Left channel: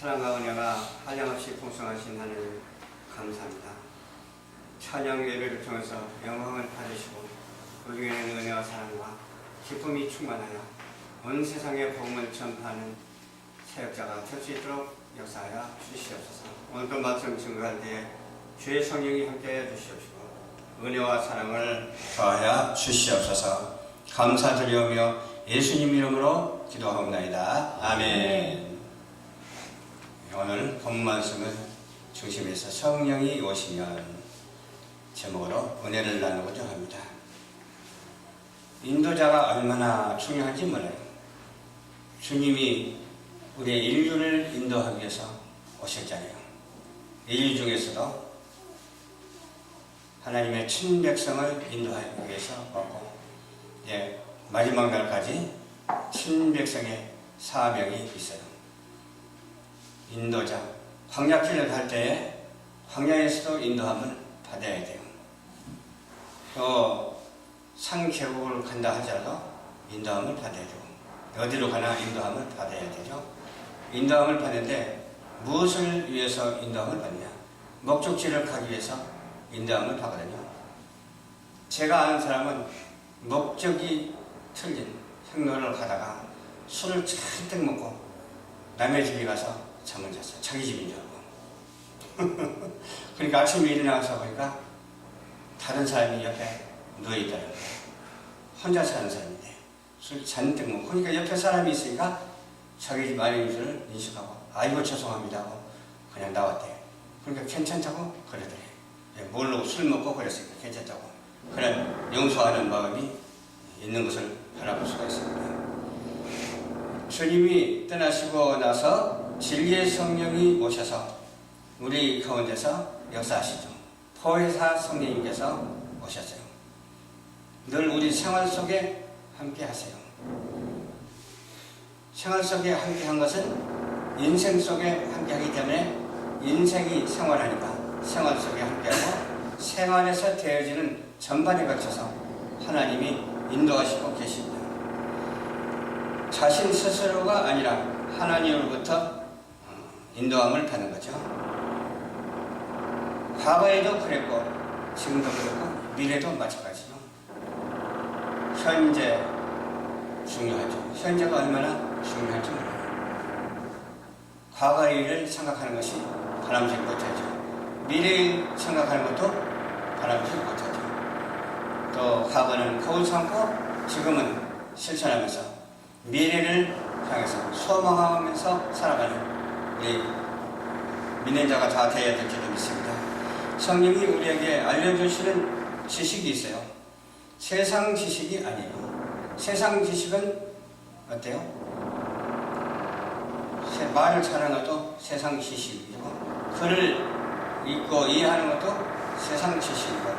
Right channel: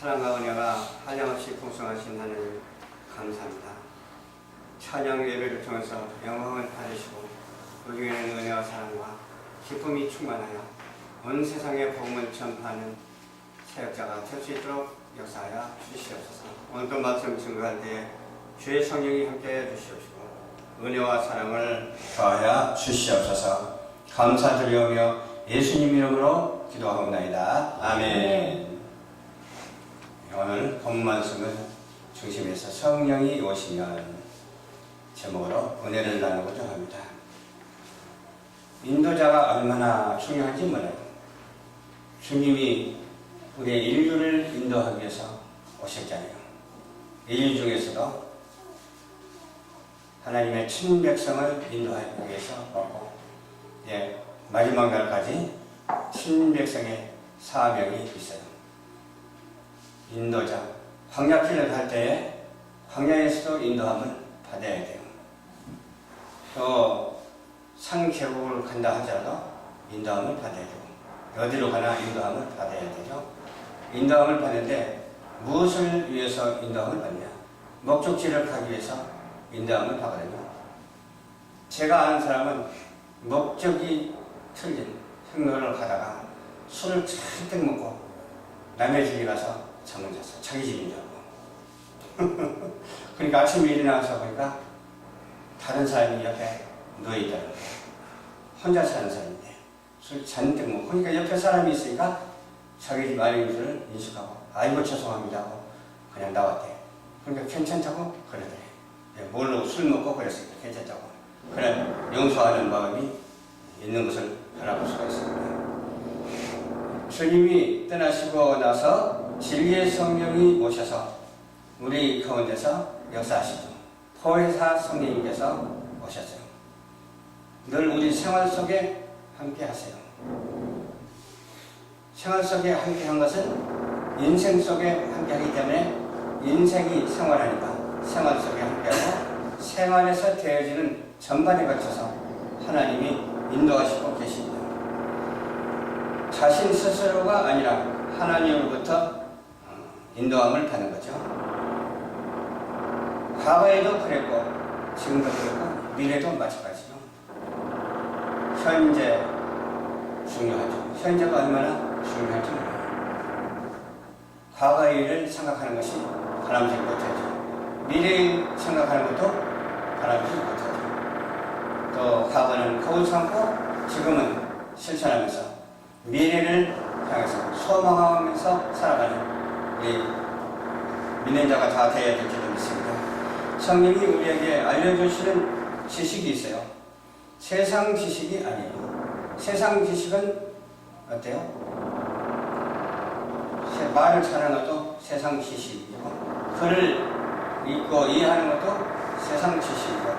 사랑과 은혜가 한량없이 풍성하신 하나님 감사합니다. 찬양 예배를 통해서 영광을 받으시고 그 중에는 은혜와 사랑과 기쁨이 충만하여 온 세상에 복음을 전파하는 사역자가 될 수 있도록 역사하여 주시옵소서. 오늘도 말씀 증거할 때에 주의 성령이 함께하여 주시옵시고 은혜와 사랑을 더하여 주시옵소서. 감사드리오며 예수님 이름으로 기도하옵나이다. 아멘. 오늘 본 말씀을 중심에서 성령이 오시면 제목으로 은혜를 나누고자 합니다. 인도자가 얼마나 중요한지 몰라요. 주님이 우리의 인류를 인도하기 위해서 오셨잖아요. 인류 중에서도 하나님의 친백성을 인도하기 위해서 왔고, 마지막 날까지 친백성의 사명이 있어요. 인도자, 광야길을 갈 때에 광야에서도 인도함을 받아야 돼요. 또 산 계곡을 간다 하더라도 인도함을 받아야 되고, 어디로 가나 인도함을 받아야 되죠. 인도함을 받는데 무엇을 위해서 인도함을 받느냐? 목적지를 가기 위해서 인도함을 받거든요. 제가 아는 사람은 목적이 틀린 행로를 가다가 술을 잔뜩 먹고 남의 집에 가서 잠을 잤어요. 자기 집인 줄 알고. 그러니까 아침에 일어나서 보니까 다른 사람이 옆에 누워있더라고요. 혼자 사는 사람인데 술 잔뜩 먹고, 그러니까 옆에 사람이 있으니까 자기 집 아닌 줄을 인식하고 아이고 죄송합니다 하고 그냥 나왔대요. 그러니까 괜찮다고 그러더래요. 모르고 술 먹고 그랬으니까 괜찮다고. 그런 용서하는 마음이 있는 것을 바라볼 수가 있습니다. 주님이 떠나시고 나서 진리의 성령이 오셔서 우리 가운데서 역사하시죠. 보혜사 성령님께서 오셨어요. 늘 우리 생활 속에 함께 하세요. 생활 속에 함께 한 것은 인생 속에 함께 하기 때문에 인생이 생활하니까 생활 속에 함께하고 생활에서 되어지는 전반에 걸쳐서 하나님이 인도하시고 계십니다. 자신 스스로가 아니라 하나님으로부터 인도함을 받는 거죠. 과거에도 그랬고 지금도 그렇고 미래도 마찬가지죠. 현재 중요하죠. 현재가 얼마나 중요할지 몰라요. 과거의 일을 생각하는 것이 바람직히 못하죠. 미래를 생각하는 것도 바람직히 못하죠. 또 과거는 거울 삼고 지금은 실천하면서 미래를 향해서 소망하면서 살아가는 우리 믿는 자가 다 되어야 될 줄로 믿습니다. 성령이 우리에게 알려주시는 지식이 있어요. 세상 지식이 아니에요. 세상 지식은 어때요? 말을 잘하는 것도 세상 지식이고, 글을 읽고 이해하는 것도 세상 지식이고,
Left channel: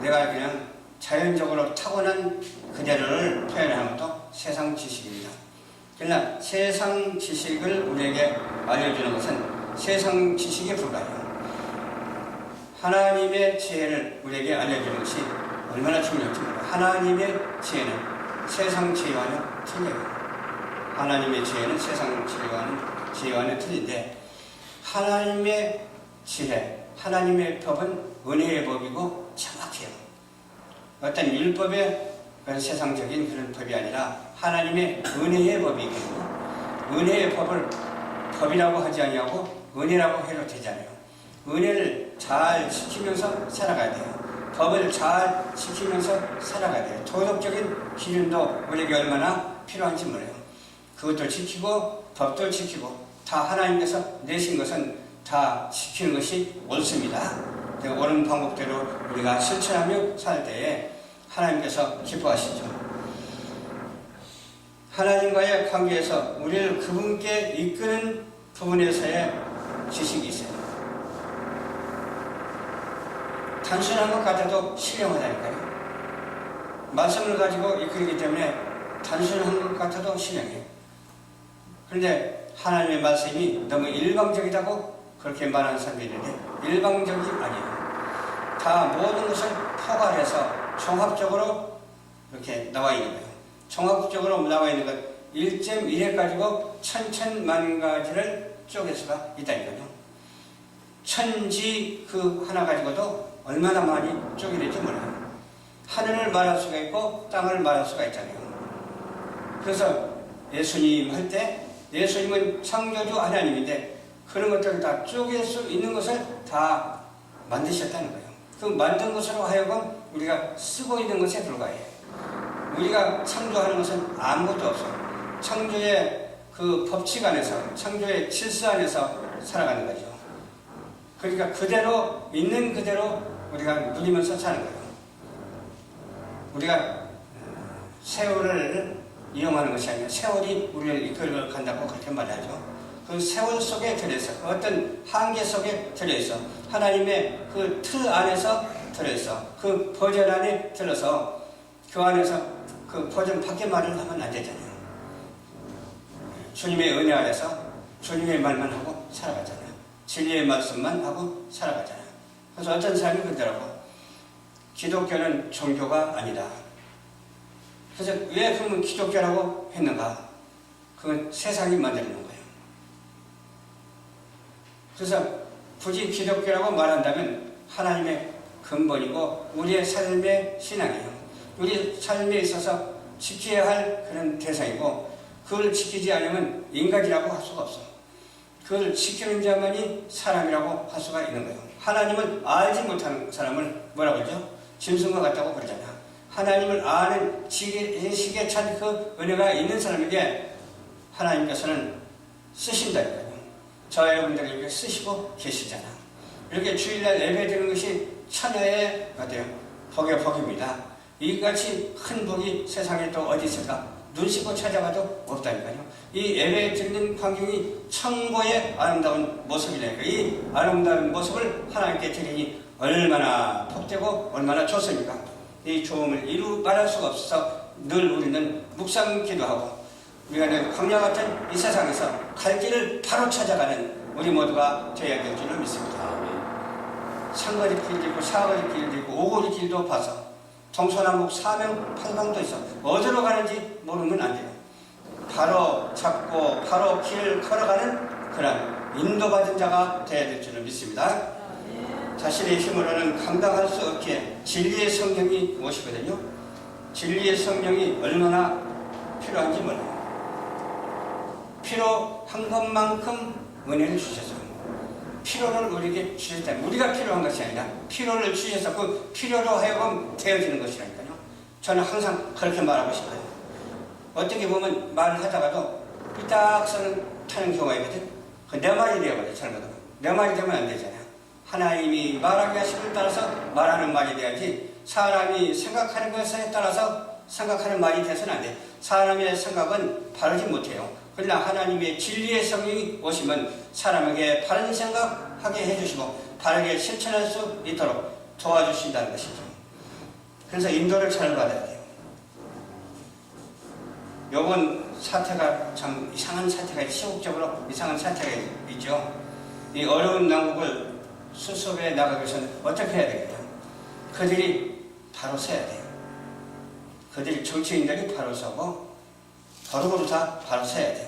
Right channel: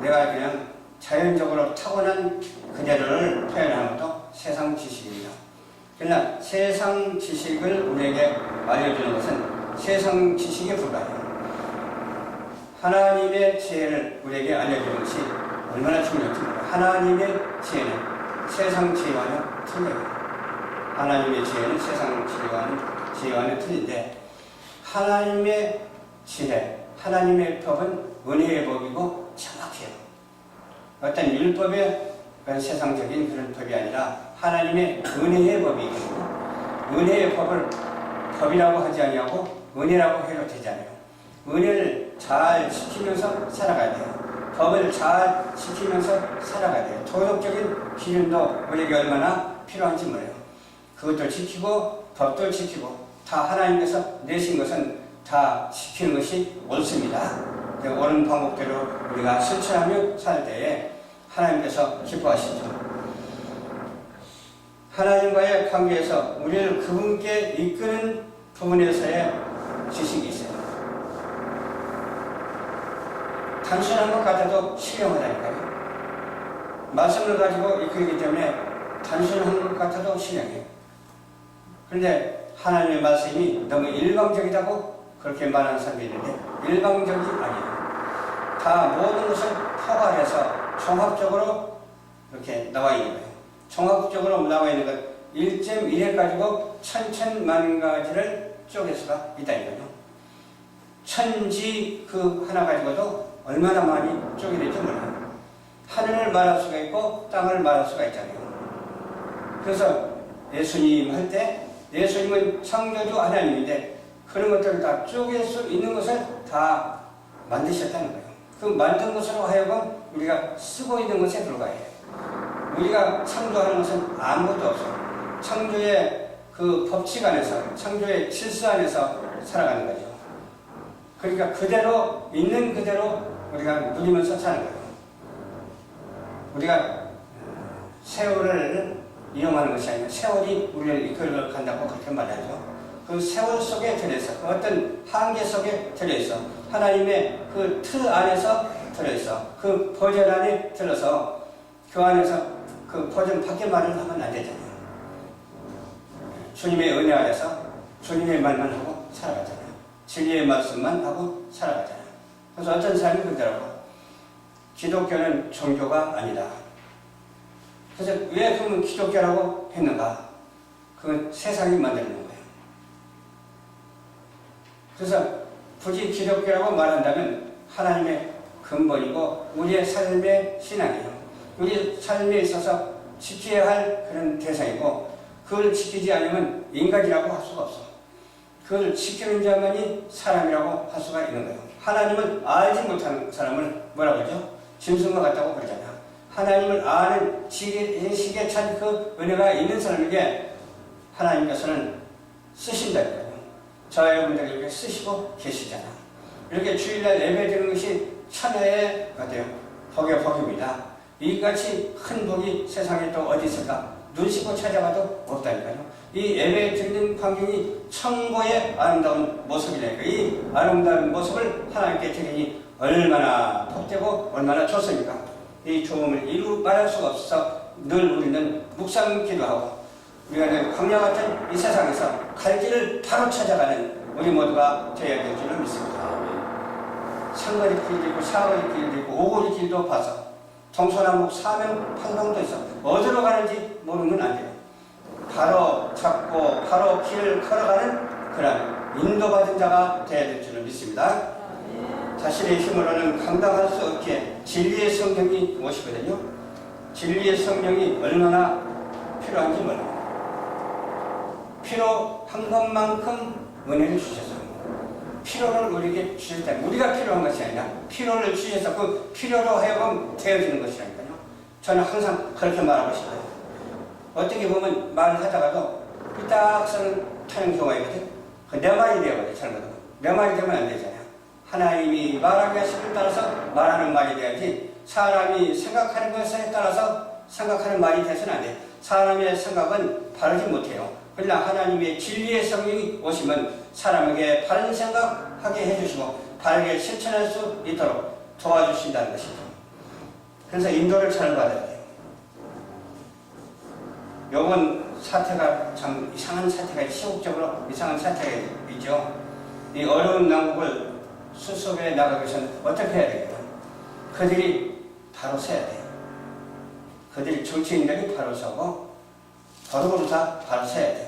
내가 그냥 자연적으로 타고난 그대로를 표현하는 것도 세상 지식입니다. 그러나 세상 지식을 우리에게 알려주는 것은 세상 지식에 불과해요. 하나님의 지혜를 우리에게 알려주는 것이 얼마나 중요한지 몰라요. 하나님의 지혜는 세상 지혜와는 틀려요. 하나님의 지혜는 세상 지혜와는 틀린데, 하나님의 지혜, 하나님의 법은 은혜의 법이고 정확해요. 어떤 율법의 그런 세상적인 그런 법이 아니라 하나님의 은혜의 법이거든요. 은혜의 법을 법이라고 하지 아니하고 은혜라고 해도 되잖아요. 은혜를 잘 지키면서 살아가야 돼요. 법을 잘 지키면서 살아가야 돼요. 도덕적인 기준도 우리에게 얼마나 필요한지 몰라요. 그것도 지키고 법도 지키고 다 하나님께서 내신 것은 다 지키는 것이 옳습니다. 옳은 방법대로 우리가 실천하며 살 때에 하나님께서 기뻐하시죠. 하나님과의 관계에서 우리를 그분께 이끄는 부분에서의 지식이 있어요. 단순한 것 같아도 신령하다니까요. 말씀을 가지고 이끌기 때문에 단순한 것 같아도 신령해요. 그런데 하나님의 말씀이 너무 일방적이라고 그렇게 말하는 사람들이 있는데 일방적이 아니에요. 다 모든 것을 포괄해서 종합적으로 이렇게 나와 있는 거예요. 종합적으로 나와 있는 것 1.1회 가지고 천천만 가지를 쪼갤 수가 있다니까요. 천지 그 하나 가지고도 얼마나 많이 쪼개낼지 몰라요. 하늘을 말할 수가 있고 땅을 말할 수가 있잖아요. 그래서 예수님 할 때 예수님은 창조주 하나님인데 그런 것들을 다 쪼갤 수 있는 것을 다 만드셨다는 거예요. 그 만든 것으로 하여금 우리가 쓰고 있는 것에 불과해요. 우리가 창조하는 것은 아무것도 없어요. 창조의 그 법칙 안에서, 창조의 질서 안에서 살아가는 거죠. 그러니까 그대로, 있는 그대로 우리가 누리면서 사는 거예요. 우리가 세월을 이용하는 것이 아니라 세월이 우리를 이끌어 간다고 그렇게 말하죠. 그 세월 속에 들어있어. 어떤 한계 속에 들어있어. 하나님의 그 틀 안에서 들어있어. 그 버전 안에 들어서 그 안에서 그 버전 밖에 말을 하면 안 되잖아요. 주님의 은혜 아래서 주님의 말만 하고 살아가잖아요. 진리의 말씀만 하고 살아가잖아요. 그래서 어떤 사람이 그러더라고. 기독교는 종교가 아니다. 그래서 왜 그러면 기독교라고 했는가? 그건 세상이 만드는 거예요. 그래서 굳이 기독교라고 말한다면 하나님의 근본이고 우리의 삶의 신앙이에요. 우리 삶에 있어서 지켜야 할 그런 대상이고 그걸 지키지 않으면 인간이라고 할 수가 없어. 그걸 지키는 자만이 사람이라고 할 수가 있는 거예요. 하나님을 알지 못하는 사람을 뭐라고 그러죠? 짐승과 같다고 그러잖아. 하나님을 아는 지식에 찬 그 은혜가 있는 사람에게 하나님께서는 쓰신다니까요. 저 여러분들 이렇게 쓰시고 계시잖아. 이렇게 주일날 예배 드리는 것이 천하의 어때요? 복의 복입니다. 이같이 큰 복이 세상에 또 어디 있을까? 눈 씻고 찾아가도 없다니까요. 이 예배 드리는 광경이 천고의 아름다운 모습이라니까. 이 아름다운 모습을 하나님께 드리니 얼마나 복되고 얼마나 좋습니까? 이 좋음을 이루 말할 수가 없어서 늘 우리는 묵상 기도하고 우리가 광야 같은 이 세상에서 갈 길을 바로 찾아가는 우리 모두가 되어야 될 줄을 믿습니다. 상거리 길도 있고 사거리 길도 있고 오거리 길도 봐서 동서남북 사명 팔방도 있어. 어디로 가는지 모르면 안 돼요. 바로 잡고 바로 길을 걸어가는 그런 인도받은 자가 되어야 될 줄을 믿습니다. 자신의 힘으로는 감당할 수 없기에 진리의 성령이 무엇이거든요. 진리의 성령이 얼마나 필요한지 몰라요. 필요한 것만큼 은혜를 주셔서 필요를 우리에게 주셨다. 우리가 필요한 것이 아니라 필요를 주셔서 그 필요로 하여금 되어지는 것이라니까요. 저는 항상 그렇게 말하고 싶어요. 어떻게 보면 말을 하다가도 삐딱선을 타는 경우가 있거든. 내 말이 되어버려. 잘못하면 내 말이 되면 안 되잖아요. 하나님이 말하기 하심을 따라서 말하는 말이 돼야지 사람이 생각하는 것에 따라서 생각하는 말이 돼서는 안 돼. 사람의 생각은 바르지 못해요. 그러나 하나님의 진리의 성령이 오시면 사람에게 바른 생각하게 해주시고 바르게 실천할 수 있도록 도와주신다는 것이죠. 그래서 인도를 잘 받아야 돼요. 요번 사태가 참 이상한 사태가 시국적으로 이상한 사태가 있죠. 이 어려운 난국을 수습해 나가기 위해서는 어떻게 해야 되겠다. 그들이 바로 서야 돼요. 그들이 정치인들이 바로 서고 바로바로 다 바로 서야 돼요.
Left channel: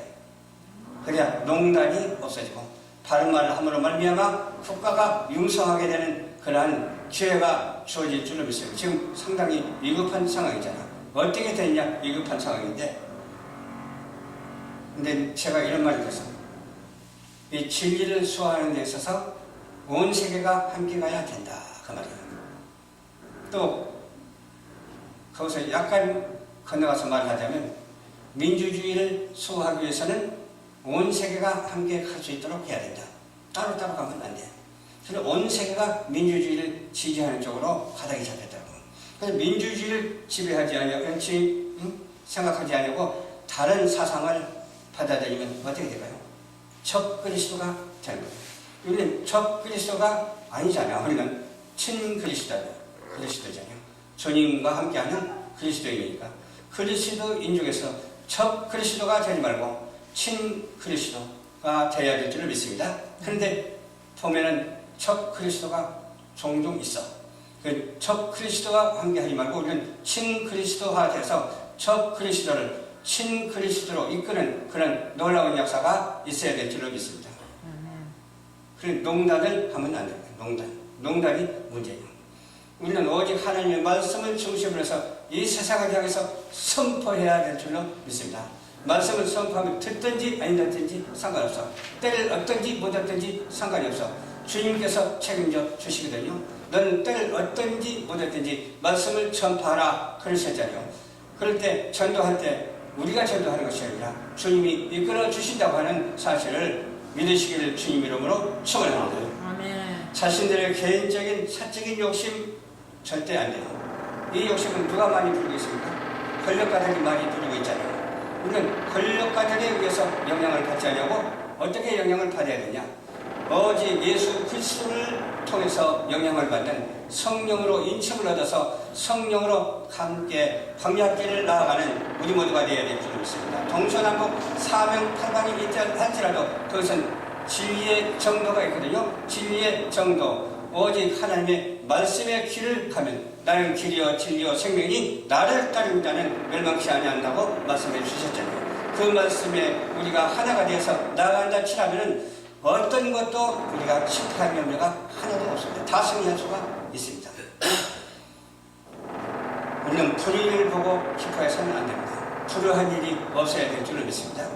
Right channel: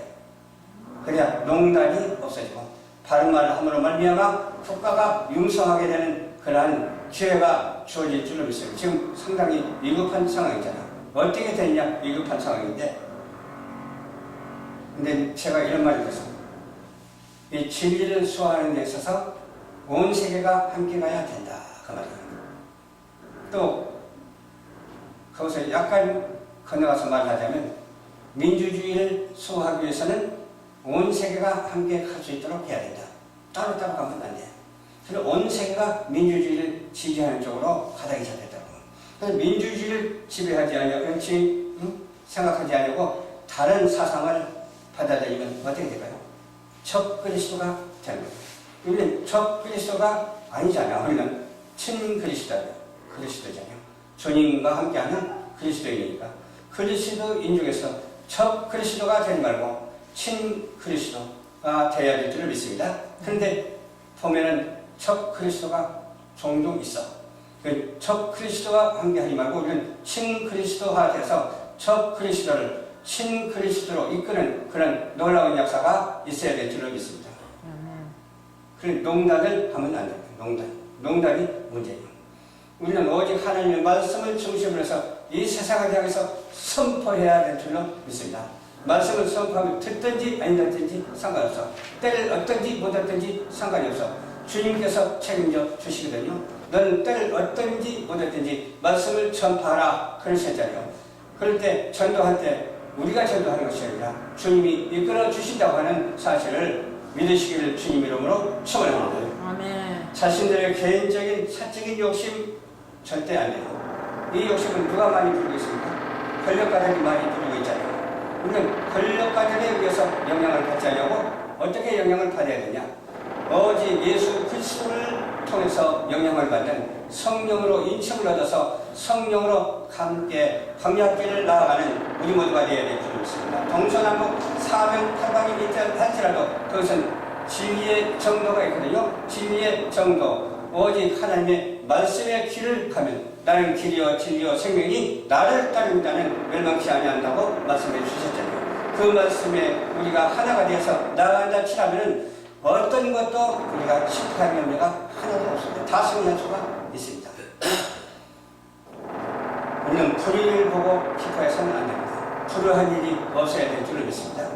그래야 농단이 없어지고 바른 말을 함으로 말미암아 국가가 융성하게 되는 그러한 기회가 주어질 줄로 믿습니다. 지금 상당히 위급한 상황이잖아. 어떻게 됐냐? 위급한 상황인데 근데 제가 이런 말을 들었어요. 이 진리를 수호하는 데 있어서 온 세계가 함께 가야 된다. 그 말이에요. 또 거기서 약간 건너가서 말하자면 민주주의를 수호하기 위해서는 온 세계가 함께 갈 수 있도록 해야 된다. 따로따로 가면 안 돼. 그래서 온 세계가 민주주의를 지지하는 쪽으로 가닥이 잡혔다고. 그래서 민주주의를 지배하지 않으려고 생각하지 않으려고 다른 사상을 받아들이면 어떻게 될까요? 적 그리스도가 되는 거예요. 우리는 적 그리스도가 아니잖아요. 우리는 친 그리스도잖아요. 주님과 함께하는 그리스도인이니까 그리스도인 중에서 적 그리스도가 되지 말고 친 그리스도가 되어야 될 줄을 믿습니다. 그런데 보면은 적 그리스도가 종종 있어. 그 적 그리스도와 함께하지 말고 우리는 친 그리스도화 돼서 적 그리스도를 신그리스도로 이끄는 그런 놀라운 역사가 있어야 될 줄로 믿습니다. 그런 농단을 하면 안 됩니다. 농단이 문제예요. 우리는 오직 하나님의 말씀을 중심으로 해서 이 세상을 향해서 선포해야 될 줄로 믿습니다. 말씀을 선포하면 듣든지 안 듣든지 상관없어. 때를 얻든지 못 얻든지 상관이 없어. 주님께서 책임져 주시거든요. 너는 때를 얻든지 못 얻든지 말씀을 전파하라 그러셨잖아요. 그럴 때 전도할 때 우리가 전도하는 것이 아니라 주님이 이끌어 주신다고 하는 사실을 믿으시기를 주님 이름으로 축원합니다. 자신들의 개인적인 사적인 욕심 절대 안 돼요. 이 욕심은 누가 많이 부리고 있습니까? 권력가들이 많이 부리고 있잖아요. 우리는 권력가들에 의해서 영향을 받지 않냐고 어떻게 영향을 받아야 되냐? 오직 예수 그리스도를 통해서 영향을 받는 성령으로 인침을 얻어서 성령으로 함께 광야길을 나아가는 우리 모두가 되어야 될 줄 믿습니다. 동서남북 사명팔방이 있다 할지라도 그것은 진리의 정도가 있거든요. 진리의 정도. 오직 하나님의 말씀의 길을 가면 나는 길이요 진리요 생명이 나를 따른다는 멸망치 아니한다고 말씀해 주셨잖아요. 그 말씀에 우리가 하나가 되어서 나아간다 치라면 어떤 것도 우리가 실패할 염려가 하나도 없습니다. 다 승리할 수가 있습니다. 우리는 불의를 보고 기뻐해서는 안 됩니다. 불의한 일이 없어야 될 줄로 믿습니다.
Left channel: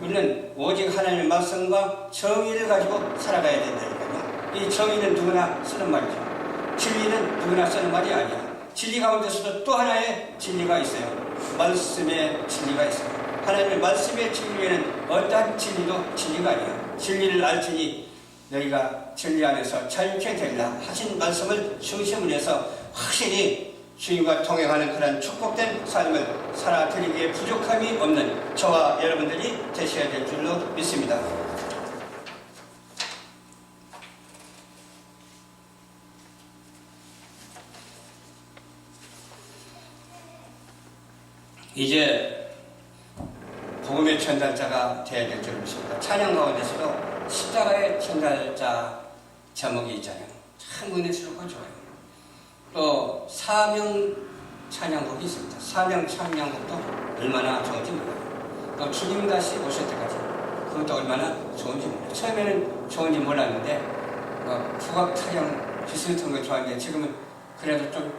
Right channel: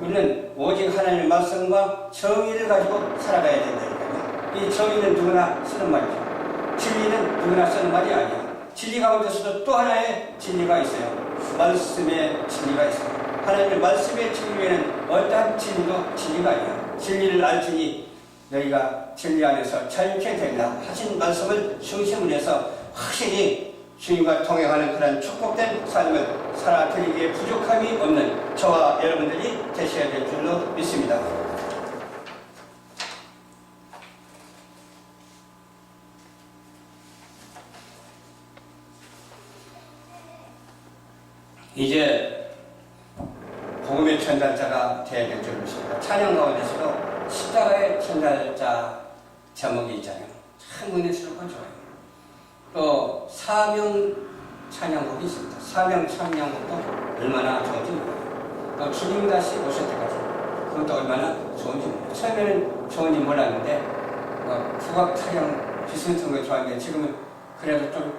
우리는 오직 하나님의 말씀과 정의를 가지고 살아가야 된다니까요. 이 정의는 누구나 쓰는 말이죠. 진리는 누구나 쓰는 말이 아니야. 진리 가운데서도 또 하나의 진리가 있어요. 말씀의 진리가 있어요. 하나님의 말씀의 진리에는 어떠한 진리도 진리가 아니에요. 진리를 알지니 너희가 진리 안에서 자유케 되리라 하신 말씀을 중심으로 해서 확실히 주님과 동행하는 그런 축복된 삶을 살아드리기에 부족함이 없는 저와 여러분들이 되셔야 될 줄로 믿습니다. 이제 복음의 전달자가 되어야 될 줄 믿습니다. 찬양 가운데서도 십자가의 전달자 제목이 있잖아요. 참 은혜스럽고 좋아요. 또 사명 찬양곡이 있습니다. 사명 찬양곡도 얼마나 좋은지 몰라요. 또 주님 다시 오실 때까지 그것도 얼마나 좋은지 몰라요. 처음에는 좋은지 몰랐는데 국악 찬양 비슷한 거 좋아하는데 지금은 그래도 좀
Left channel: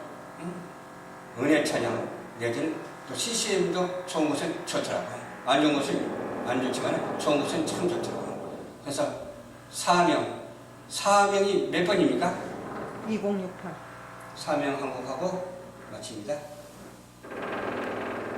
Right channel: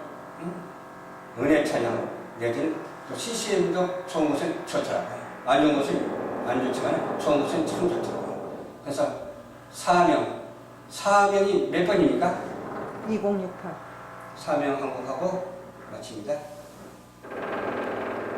은혜 찬양 내지는 또 CCM도 좋은 것은 좋더라고요. 안 좋은 것은 안 좋지만 좋은 것은 참 좋더라고요. 그래서 사명이 몇 번입니까? 2068. 사명 한곡하고 마칩니다.